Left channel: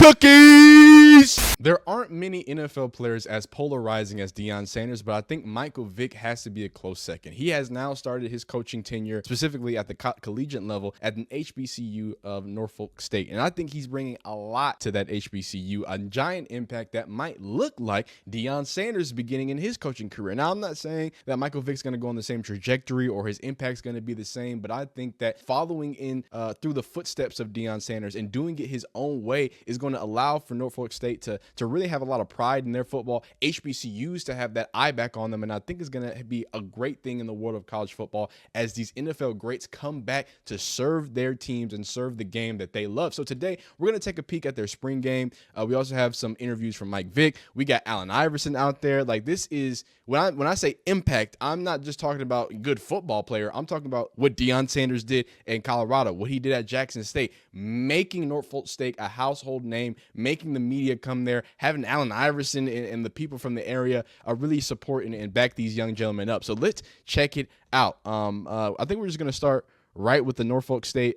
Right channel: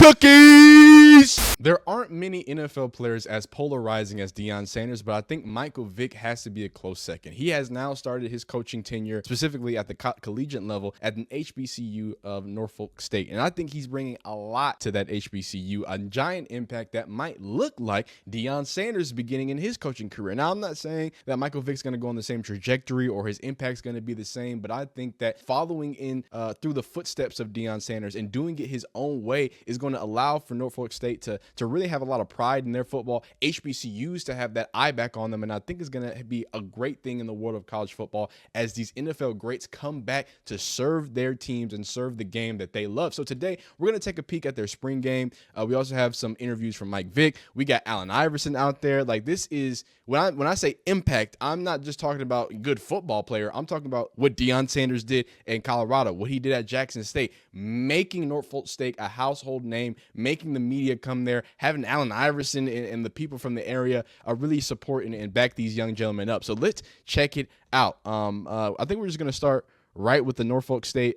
cookies! There aren't many NFL players as polarizing as Deion Sanders, but I think Michael Vick has to be a close second. He has now started his coaching tenure, specifically at the collegiate level, at an HBCU of Norfolk State. And I think he's bringing a lot to that HBCU, a giant impact that might look like Deion Sanders beginning in his coaching career. Now, I'm not saying that Michael Vick's going to go on the same trajectory or his impact's going to be the same, but I think that following in through the footsteps of Deion Sanders and doing it his own way is going to allow for Norfolk State to really have a lot of pride in their football, HBCUs to have that eye back on them, and I think it's going to be a great thing in the world of college football as these NFL greats come back to serve their teams and serve the game that they love. So today, we're going to take a peek at their spring game. We also have some interviews from Mike Vick. We got Allen Iverson out there. Like, this is, when I say impact, I'm not just talking about good football player. I'm talking about what Deion Sanders did in Colorado, what he did at Jackson State, making Norfolk State a household name, making the media come there, having Allen Iverson and the people from the area really support and back these young gentlemen up. So let's check it out. I think we're just going to start right with the Norfolk State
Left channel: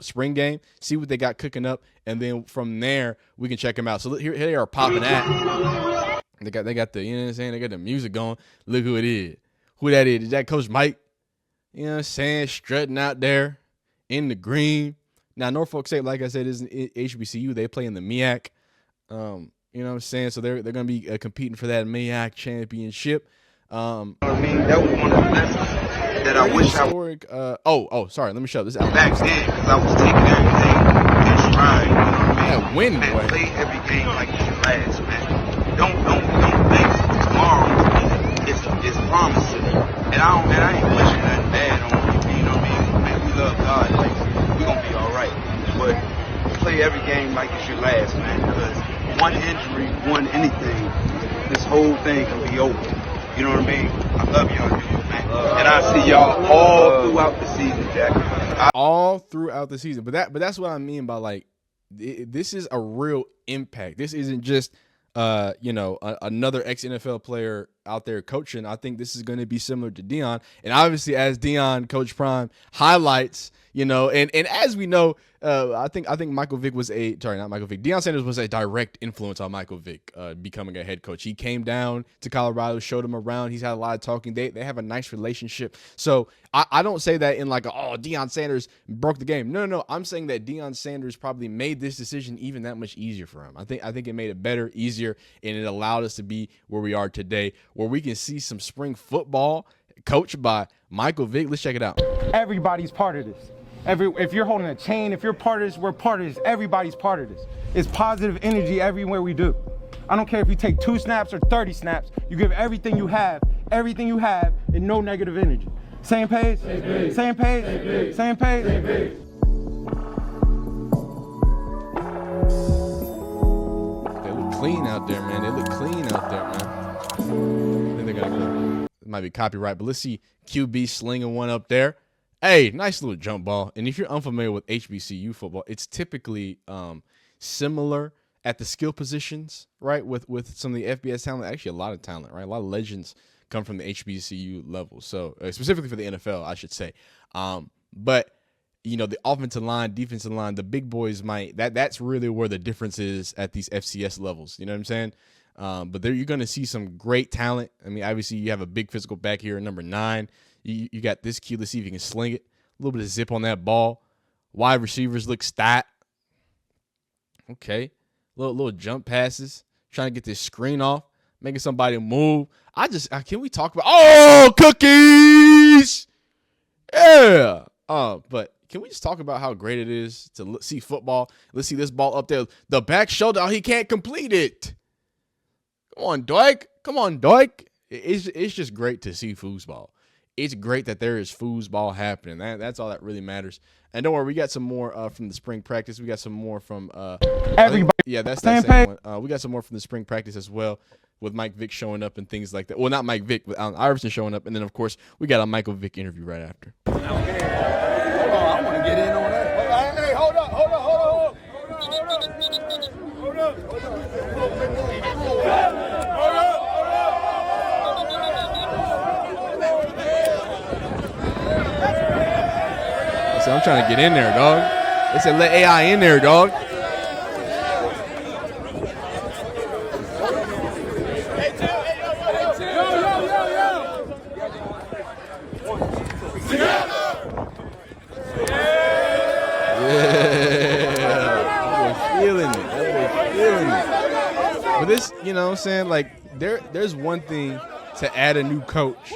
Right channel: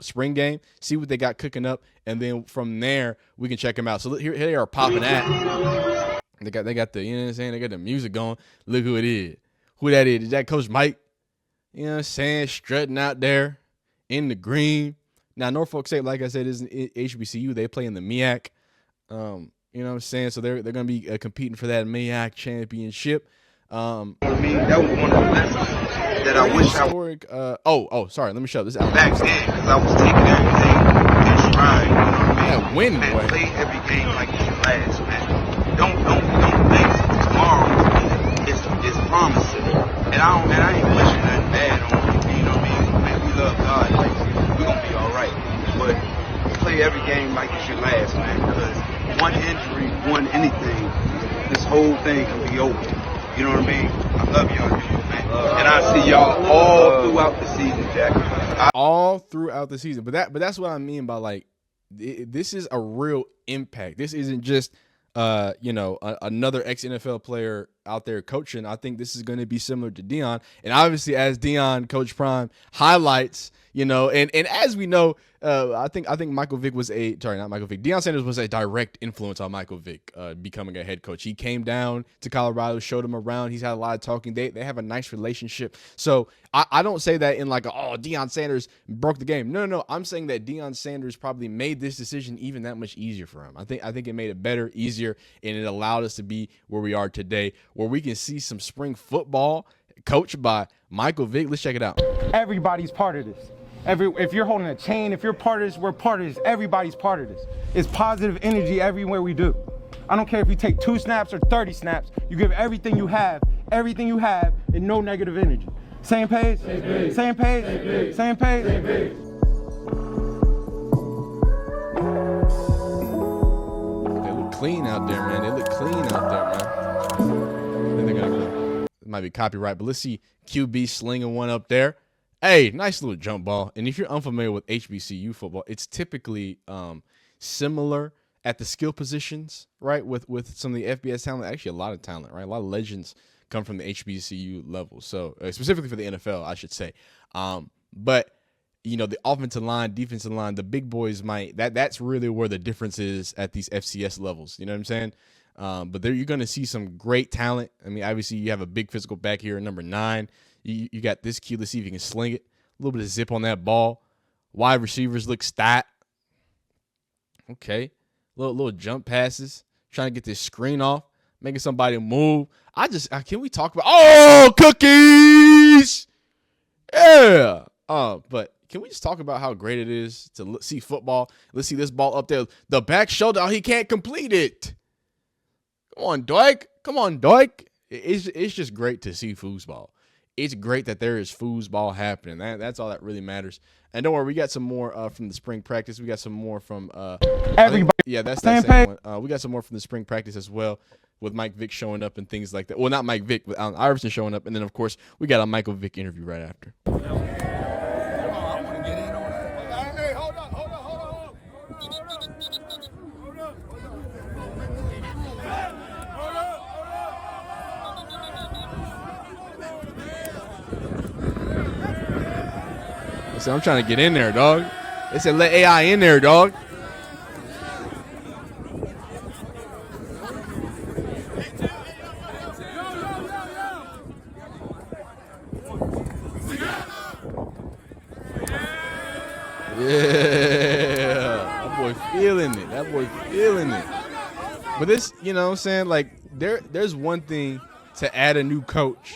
spring game, see what they got cooking up, and then from there we can check them out. So here they are popping at. They got the, you know what I'm saying? They got the music going. Look who it is. Who that is? Is that Coach Mike? You know what I'm saying? Strutting out there in the green. Now, Norfolk State, like I said, is an HBCU. They play in the MEAC. You know what I'm saying? So they're going to be competing for that MEAC championship. You know what I mean? That was one of the lessons that I wish historic, sorry. Let me show this out. Back then, because I was taking everything in stride. You know what I mean? Yeah, win, man, boy. Play every game like it's your last, man. Don't think tomorrow is promising. And I ain't wishing nothing bad on you. You know what I mean? Man, we love God. Like, we gonna be all right. But play every game like it's your last, man. Because one injury, one anything, this whole thing can be over. You know what I mean? I love y'all, man. And I see y'all all throughout the season, Jack. All throughout the season. But that's what I mean by, like, this is a real impact. This isn't just another ex-NFL player out there coaching. I think this is going to be similar to Deion. And obviously, as Deion, Coach Prime highlights, and as we know, I think Michael Vick was not Michael Vick. Deion Sanders was a direct influence on Michael Vick becoming a head coach. He came down to Colorado, showed him around. He's had a lot of talking. They have a nice relationship. So I don't say that in like, Deion Sanders broke the game. No. I'm saying that Deion Sanders probably made this decision even that much easier for him. I think it made it better, easier, and it allowed us to be where we are today, where we can see some spring football coached by Michael Vick. Let's check it out. Everybody's part of this. If you're holding a chain, if you're part of this, we're part of this. Everybody's part of this. It's positive energy everywhere we do. I don't care if you take 2 snaps or 30 snaps. You give everything you have, and no negative energy. Same page? Same page. Same page? Same page. Same page? Same page. They look clean out there, man. I think they're going to go. It might be copyright, but let's see QB slinging one up there. Hey, nice little jump ball. And if you're unfamiliar with HBCU football, it's typically similar at the skill positions, right? With some of the FBS talent, actually a lot of talent, right? A lot of legends come from the HBCU level. So specifically for the NFL, I should say. But the offensive line, defensive line, the big boys that's really where the difference is at these FCS levels. You know what I'm saying? But there you're going to see some great talent. I mean, obviously you have a big physical back here at number 9. You got this key. Let's see if you can sling it. A little bit of zip on that ball. Wide receivers look stat. Okay. Little jump passes. Trying to get this screen off. Making somebody move. Can we talk about, cookies? Yeah. But can we just talk about how great it is to see football? Let's see this ball up there. The back shoulder. He can't complete it. Come on, Doik. It's just great to see foosball. It's great that there is foosball happening. That's all that really matters. And don't worry, we got some more from the spring practice. We got some more from everybody. That's that same one. We got some more from the spring practice as well, with Mike Vick showing up and things like that. Well, not Mike Vick, with Allen Iverson showing up, and then of course we got a Michael Vick interview right after. Hold on, I want to get in on that. Hey, hold up. I'm trying to get in there, dog. They said let AI in there, dog. boy feeling it. That boy feeling it. But this, you know what I'm saying? Like, there's one thing to add a new coach.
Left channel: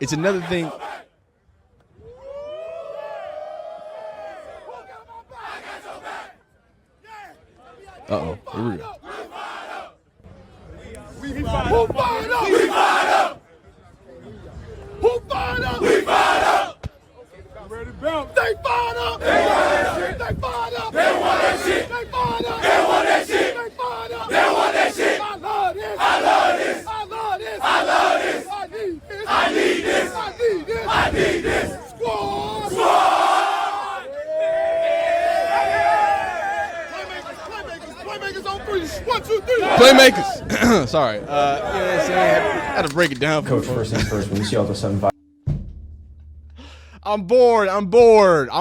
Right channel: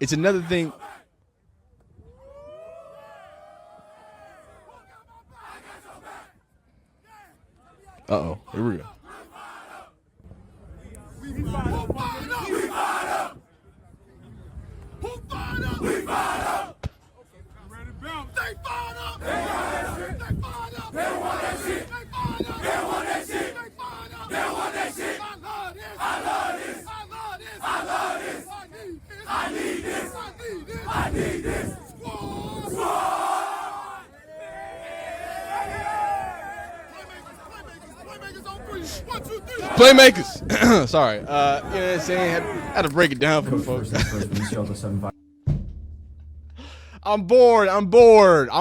It's another thing. Uh-oh. Here we go. Who fired up? We fired up. Who fired up? We fired up. Ready to bounce. They fired up. They fired up. They fired up. They want that shit. They fired up. They want that shit. They fired up. They want that shit. I love this. I love this. I love this. I love this. I need this. I need this. I need this. I need this. Squad. Squad. Playmakers on three. 1, 2, 3. Playmakers. Sorry. You know what I'm saying? Had to break it down for folks. When you see all the 7-5. I'm bored. I'm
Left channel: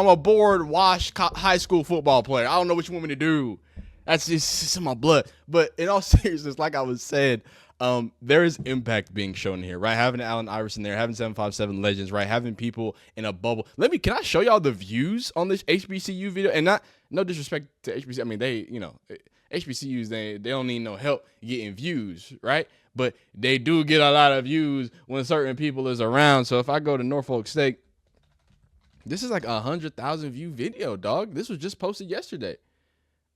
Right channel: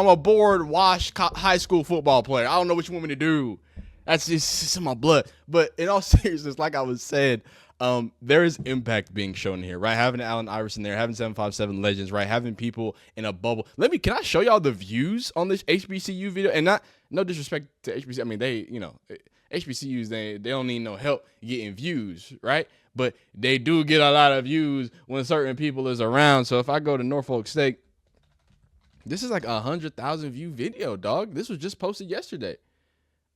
a bored, washed high school football player. I don't know what you want me to do. That's just in my blood. But in all seriousness, like I was saying, there is impact being shown here, right? Having Allen Iverson there, having 757 legends, right? Having people in a bubble. Can I show y'all the views on this HBCU video? And no disrespect to HBCU. I mean, HBCUs, they don't need no help getting views, right? But they do get a lot of views when certain people is around. So if I go to Norfolk State, this is like 100,000 view video, dog. This was just posted yesterday.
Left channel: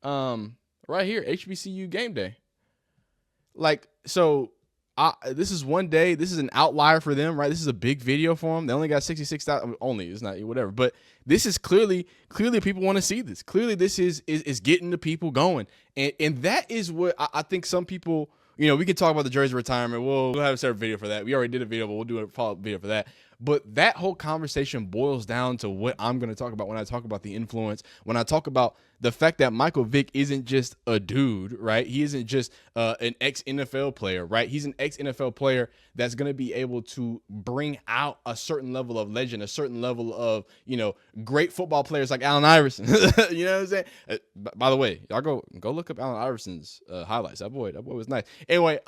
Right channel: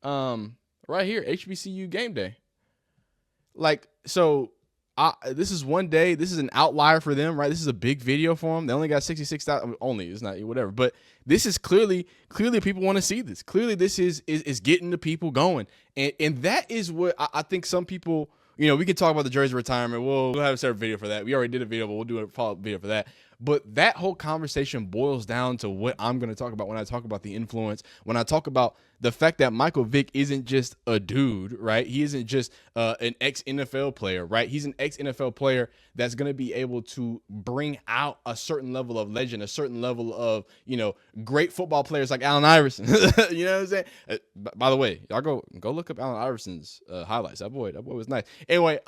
Right here, HBCU game day. Like, so this is one day. This is an outlier for them, right? This is a big video for them. They only got 66,000. Only, it's not whatever. But this is clearly people want to see this. Clearly, this is getting the people going, and that is what I think some people. You know, we can talk about the jersey retirement. We'll have a separate video for that. We already did a video, but we'll do a follow-up video for that. But that whole conversation boils down to what I'm going to talk about when I talk about the influence, when I talk about the fact that Michael Vick isn't just a dude, right? He isn't just an ex-NFL player, right? He's an ex-NFL player that's going to be able to bring out a certain level of legend, a certain level of, you know, great football players like Allen Iverson. You know what I'm saying? By the way, y'all go look up Allen Iverson's highlights. That boy was nice. Anyway,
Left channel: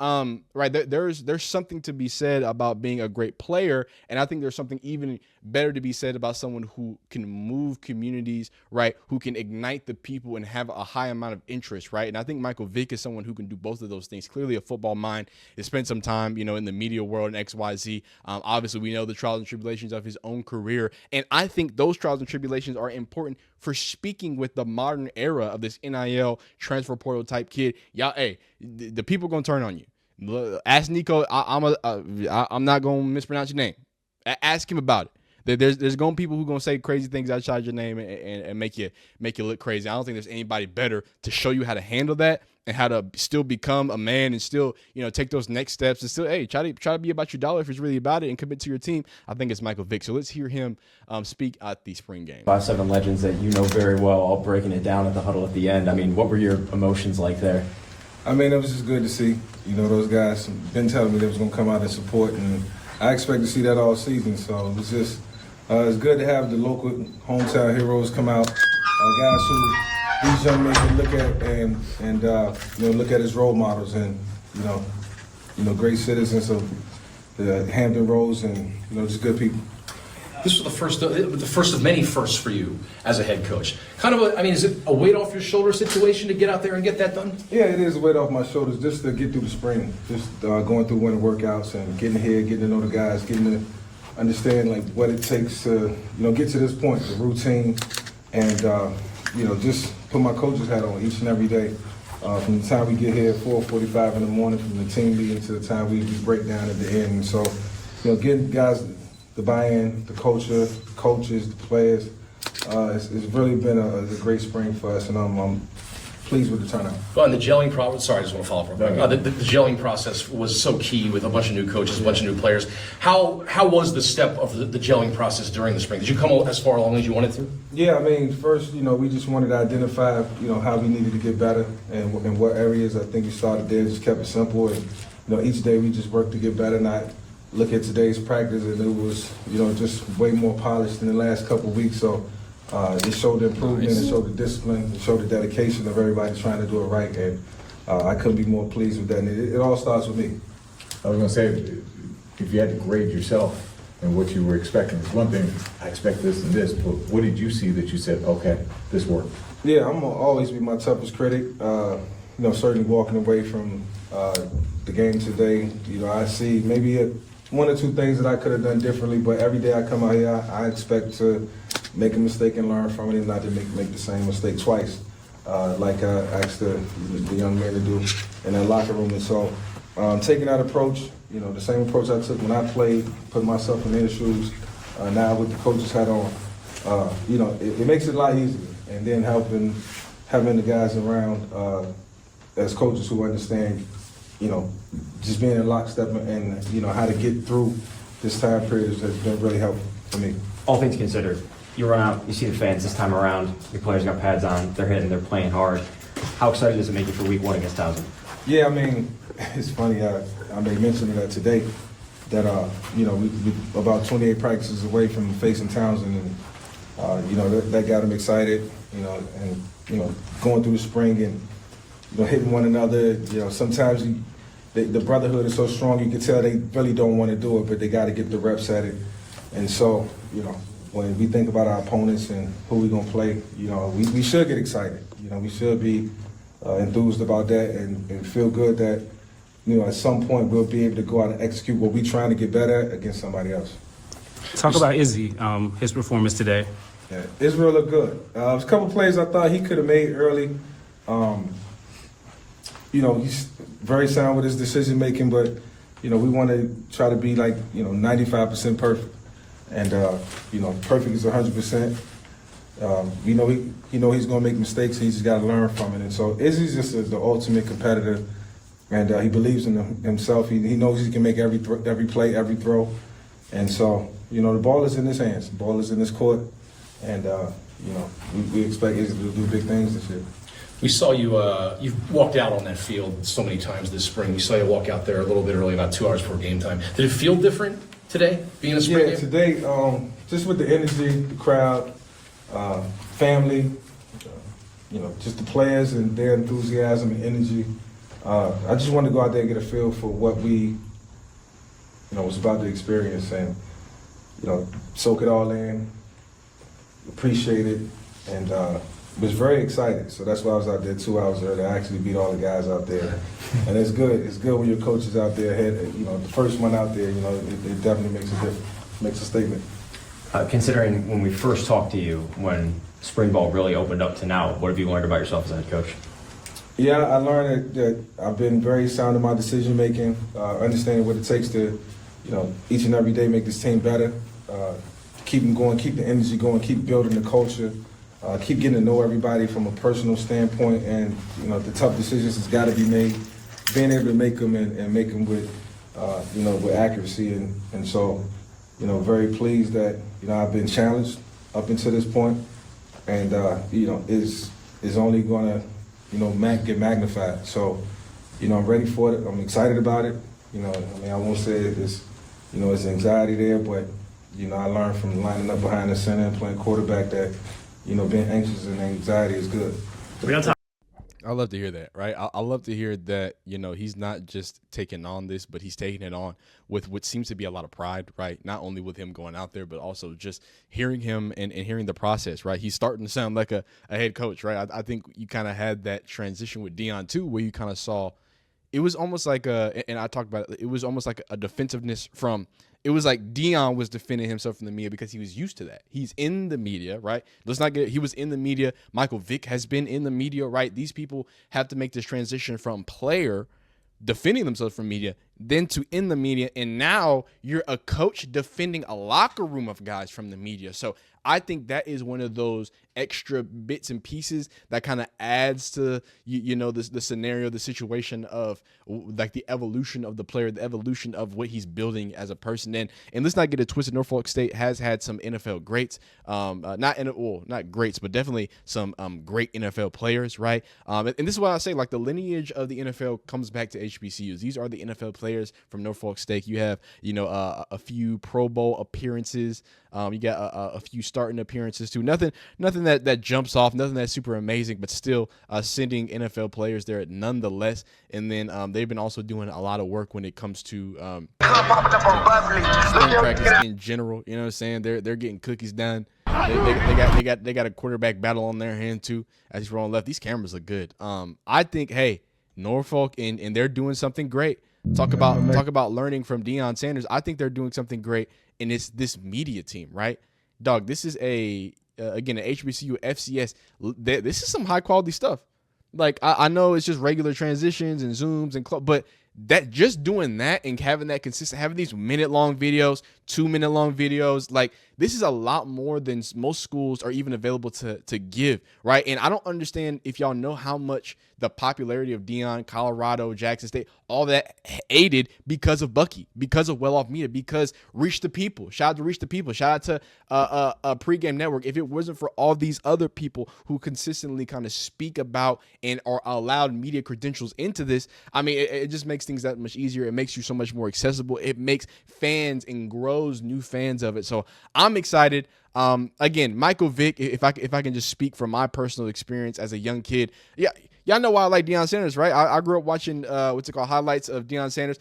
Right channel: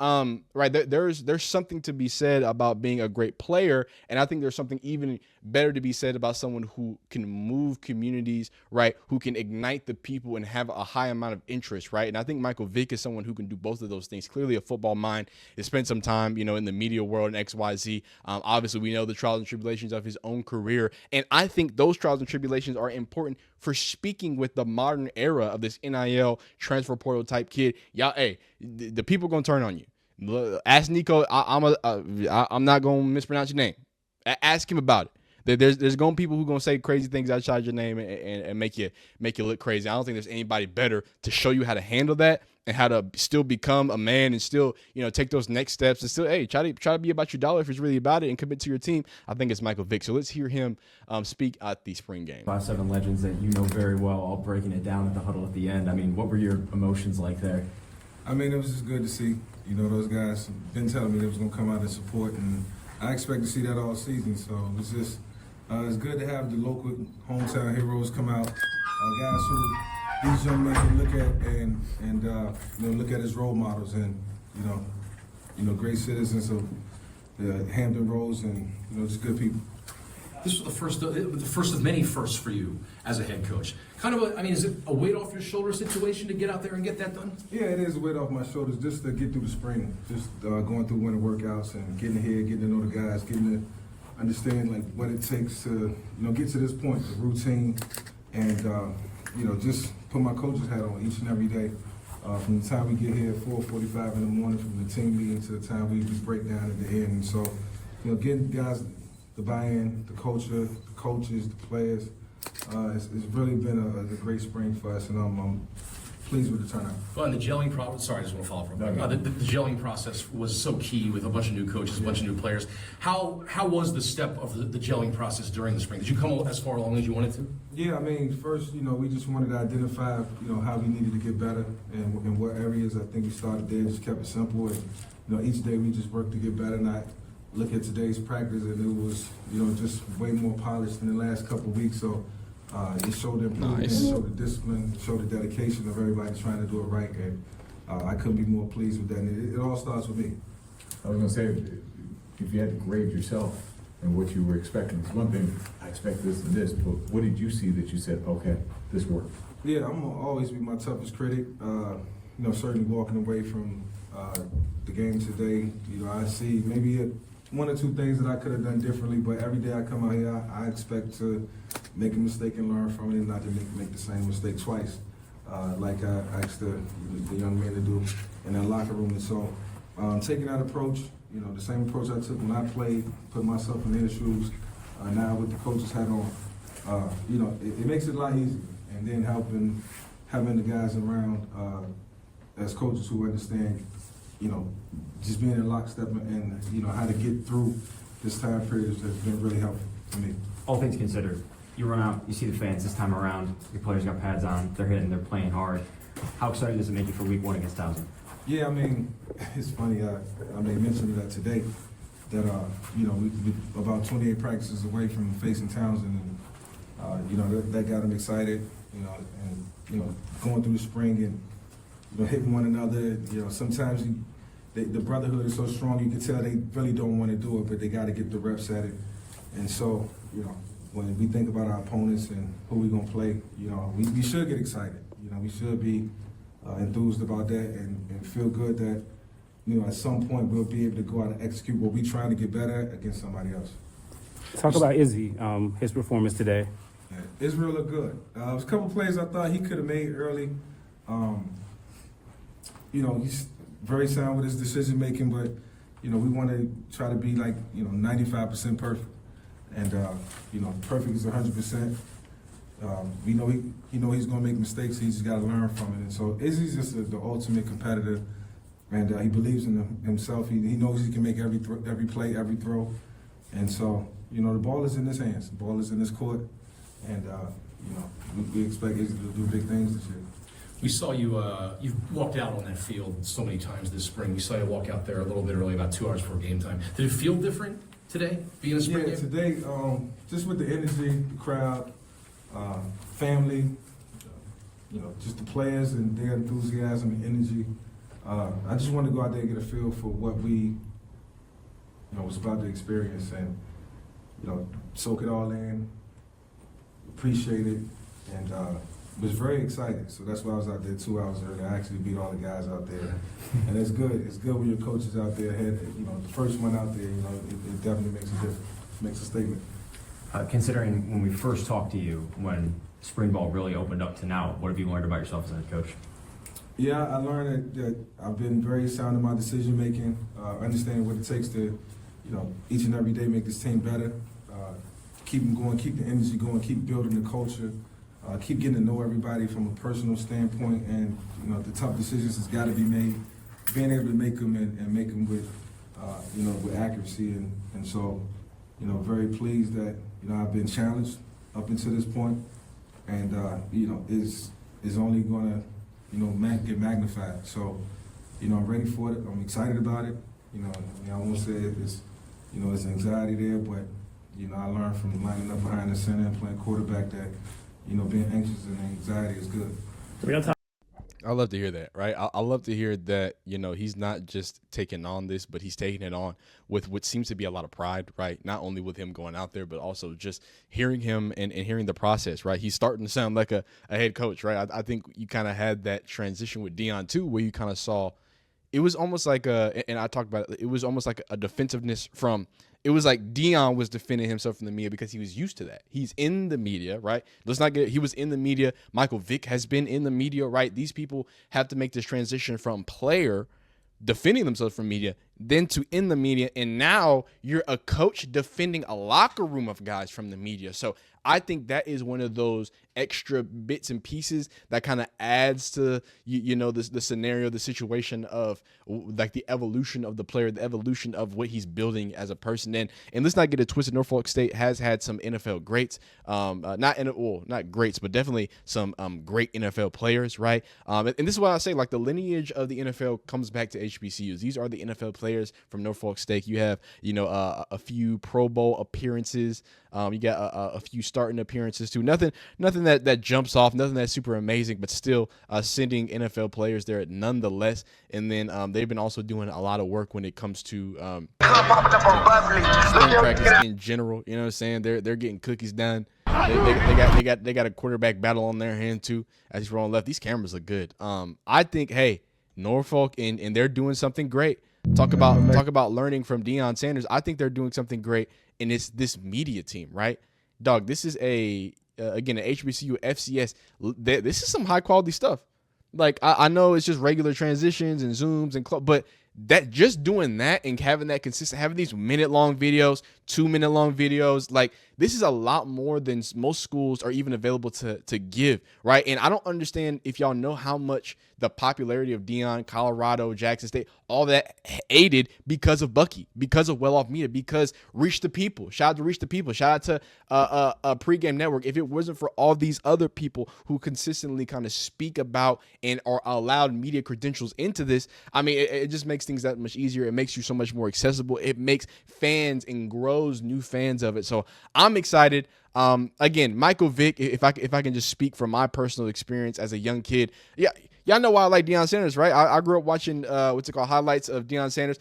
right, there's something to be said about being a great player, and I think there's something even better to be said about someone who can move communities, right? Who can ignite the people and have a high amount of interest, right? And I think Michael Vick is someone who can do both of those things. Clearly a football mind. He spent some time, you know, in the media world and XYZ. Obviously, we know the trials and tribulations of his own career. And I think those trials and tribulations are important for speaking with the modern era of this NIL transfer portal type kid. Y'all, hey, the people going to turn on you. Ask Nico. I'm not going to mispronounce your name. Ask him about it. There's going to be people who going to say crazy things outside your name and make you look crazy. I don't think there's anybody better to show you how to handle that and how to still become a man and still, you know, take those next steps and still, hey, try to be about your dollar if it's really about it and commit to your team. I think it's Michael Vick. So let's hear him speak at the spring game. 5-7 legends that you know very well, all breaking it down at the huddle at the end. I mean, what were your emotions like there? I mean, it was just good to see. You know, those guys been telling me they was going to come out and support, and I expect to see that all season. So it was just it's good to have the local hometown heroes come out, guys who these young men can look at and you know, look at as role models and you know great citizens of the Hampton Roads and you know just good people. This was the first of many firsts for you as a head coach. Kind of is it a weight off your shoulder situation to get out there and get that done? Yeah, it is a weight off my shoulders just to get through the spring, just going through winter workouts and getting here, getting to know the guys, getting to understand like what it takes to you know get to this point, the routine, and you know just put my coach's hat on each and every day. From the time we get here at 4:45 in the morning, from the team meeting to the time we break down at the end. And so, you know, getting guys the buy-in, the culture, the coaches, the players. It's really been a great spring for us, and I'm pleased with the turnout. Well, and the gelling process, sorry, I just want to follow up real quick. The gelling process was so key with a bunch of new coaches, a bunch of new players. How was the step of the gelling process during the spring? Did you come as far along as you wanted to? Yeah, I mean, first, you know, we just wanted to identify, you know, how we needed to get better and in what areas. I think we started there, just kept it simple, and, you know, each day we just worked to get better, not look at today's practice, and it was, you know, just way more polished than the last couple of weeks. So it showed the improvement, It showed the discipline, it showed the dedication of everybody trying to do it right, and I couldn't be more pleased with that. And it all starts with me. I was going to say, if you had to grade yourself and what you were expecting. It's one thing, I expect this and this, but what did you see that you said, okay, this worked? Yeah, I'm gonna always be my toughest critic. Certainly walking away from the game today, I see maybe one or two things that I could have done differently, but every day I come out here, I expect to make a mistake and learn from it and not to make the same mistake twice, like I asked the young man to do in that locker room. And so taking that approach, the same approach I took when I played, put myself in their shoes, now with the coach's hat on, it makes it a lot easier. And then having the guys around as coaches who understand, just being in lockstep and, how to get through this time period has been really helpful for me. All things considered, you run out, you see the fans this time around, your players got pads on, they're hitting, they're playing hard. How excited does it make you for week 1 against Towson? Yeah, it's funny, I made mention of that today, that, we about 28 practices away from facing Townsend, and, that got them excited, and, going through the spring and, hitting one another, sometimes the brotherhood is so strong, you can tell they really don't want to do it, but they got to get the reps at it. And so, when we think about our opponents and who we're going to play, we should get excited. We should be enthused about that and feel good that, at some point we'll be able to go out and execute what we're trying to get better at against somebody else. Talk about Izzy, his performance today. Yeah, Israel looked good. There's a couple plays I thought he could have made early. He's very sound with his decision making, but we want to try to be like 95% perfect, and perfect is 100%. He he's going to make mistakes. He's just got to learn from it. And so Izzy's just the ultimate competitor, and he believes in himself. He knows he can make every play, every throw, and so the ball is in his hands. The ball is in his court, and we expect Izzy to do big things this year. We saw you, you've walked out on that field so many times this spring. We saw you walk out there a little bit early, about 2 hours before game time. Did it feel different today, being a spring game? Today, just with the energy, the crowd, family, just the players and their enthusiasm and energy. I just wanted to go out there and get a feel for what we, was about to experience and, soak it all in, appreciate it, and was very excited. So that's why I was out there 2 hours early. I actually beat all the guys out there. And it's good. It's good when your coach is out there ahead. The first one out there, it definitely makes a difference, makes a statement. Considering when we first talked to you, when spring ball really opened up to now, what have you learned about yourself as a head coach? Yeah, I learned that I've been very sound in my decision making, understanding what it takes to, each and every day make this team better, keep them going, keep the energy going, keep building the culture. Keep getting to know everybody from a personal standpoint, and the tough decisions has got to be made. Being able to make them and make them with, with accuracy, and so, very pleased that I've been challenged up until this point, and is only going to get magnified. So, I'm ready for it. I'm excited about it. I won't say it's it's anxiety there, but I learned from lining up behind the center and playing quarterback that. Being anxious and anxiety is good. I love to hear that, right? I love to hear that, he's not just taking on this, but he's taking it on with what seems to be a lot of pride, right? Not only with him going out there, but also just hearing him and hearing the process, right? He's starting to sound like a head coach, right? I think you kind of had that transition with Deion too, where you kind of saw it was almost like and I talked about it was almost like a defensiveness from. It was like Deion was defending himself from the media because he was used to that. He's in the media, right? He was in the media. Michael Vick has been in the media, right? These people have to make this transition from player defending themselves from media, then to in the media, and now you're a coach defending a locker room of guys from the media. So I think that is one of those extra bits and pieces that kind of adds to the scenario, the situation of like the evolution of the player, the evolution of what he's building as a person. And let's not get it twisted. Norfolk State has had some NFL greats, not greats, but definitely some great NFL players, right? And this is why I say, like, the lineage of the NFL comes back to HBCUs. These are the NFL players players from Norfolk State. You have, a few Pro Bowl appearances. You got a few starting appearances too. Nothing that jumps off. Nothing that's super amazing, but still sending NFL players there nonetheless. And then they've been also doing a lot of work when it comes to spring practice in general. You know what I'm saying? They're getting cookies done. They got a quarterback battle on their hand too as he's rolling left. These cameras look good. I think, hey, Norfolk and they're doing something great. Talk about learning from Deion Sanders. I think they're doing something great, and it's this media team, right? Dog, this is again, an HBCU FCS. This is some high quality stuff. Like, I know it's just regular transitions and zooms but that just doing that and having that consistent, having these minute-long videos, 2-minute-long videos, like, this is a lot more than most schools are even available to give, right? And I don't understand if y'all know how much the popularity of Deion, Colorado, Jackson State, all that aided because of Bucky, because of Well Off Media, because Reach the People. Shout out to Reach the People. Shout out to a Pregame Network. If it wasn't for all these other people who consistently kind of speak about and are allowed media credentials into this, I mean, it just makes things that much easier. It makes you so much more accessible. It makes fans and grows new fans of it. So I'm excited. Again, Michael Vick, if I can just speak from my personal experience as a young kid. Yeah, y'all know why I like Deion Sanders, right? I grew up watching highlights of Deion Sanders.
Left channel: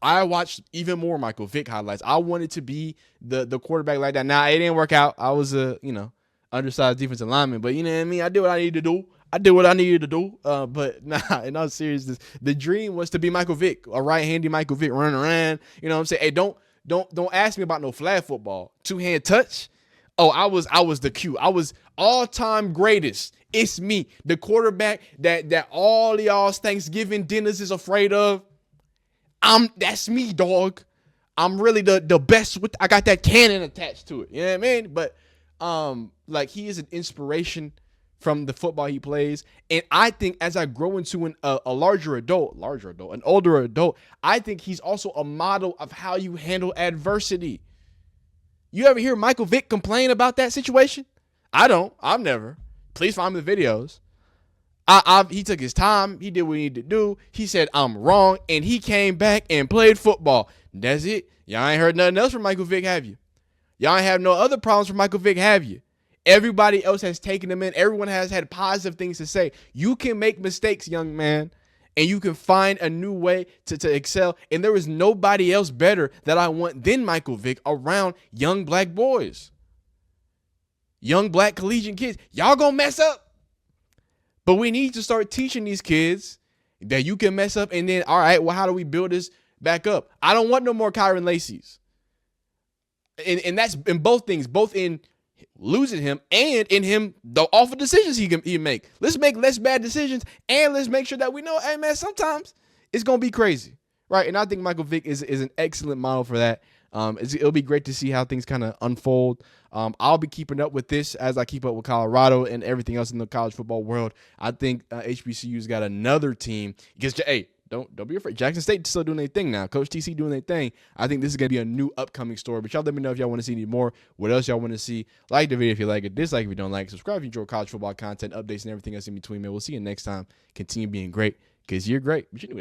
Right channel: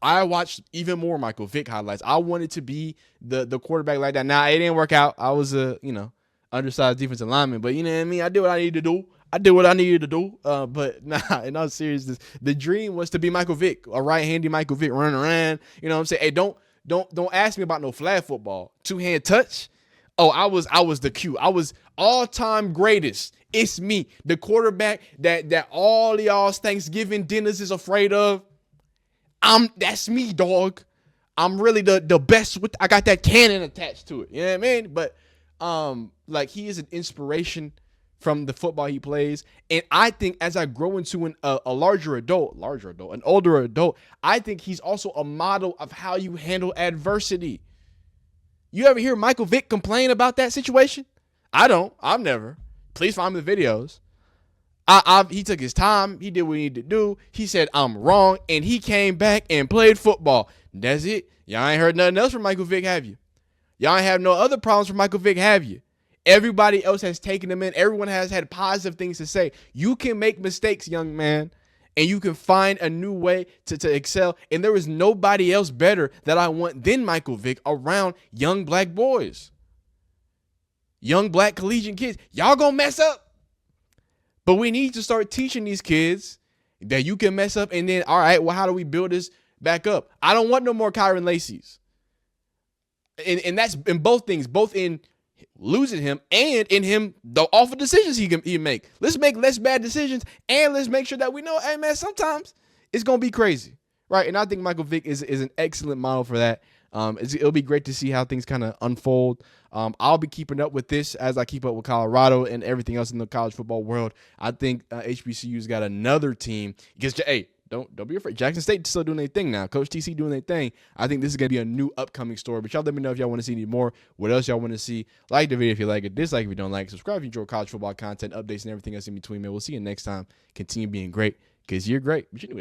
I watched even more Michael Vick highlights. I wanted to be the quarterback like that. Now, it didn't work out. I was a, undersized defensive lineman, but you know what I mean? I did what I needed to do. But nah, in all seriousness, the dream was to be Michael Vick, a right-handy Michael Vick running around. You know what I'm saying? Hey, don't ask me about no flag football. Two-hand touch. Oh, I was the Q. I was all-time greatest. It's me, the quarterback that all y'all's Thanksgiving dinners is afraid of. That's me, dog. I'm really the best I got that cannon attached to it. You know what I mean? But like, he is an inspiration from the football he plays. And I think as I grow into a older adult, I think he's also a model of how you handle adversity. You ever hear Michael Vick complain about that situation? I don't. I've never. Please find me the videos. He took his time. He did what he needed to do. He said, I'm wrong. And he came back and played football. That's it. Y'all ain't heard nothing else from Michael Vick, have you? Y'all ain't have no other problems from Michael Vick, have you? Everybody else has taken him in. Everyone has had positive things to say. You can make mistakes, young man, and you can find a new way to excel. And there is nobody else better that I want than Michael Vick around young black boys, young black collegiate kids. Y'all gonna mess up, but we need to start teaching these kids that you can mess up. And then, all right, well, how do we build this back up? I don't want no more Kyron Lacey's. And that's in both things, both in losing him and in him the awful decisions he can make. Let's make less bad decisions, and let's make sure that we know, hey man, sometimes it's gonna be crazy, right? And I think Michael Vick is an excellent model for that. It'll be great to see how things kind of unfold. I'll be keeping up with this as I keep up with Colorado and everything else in the college football world. I think HBCU's got another team. Because, hey, don't be afraid. Jackson State still doing their thing now. Coach TC doing their thing. I think this is going to be a new upcoming story. But y'all let me know if y'all want to see any more. What else y'all want to see? Like the video if you like it. Dislike if you don't like it. Subscribe if you enjoy college football content, updates, and everything else in between, man. We'll see you next time. Continue being great because you're great. But you knew that.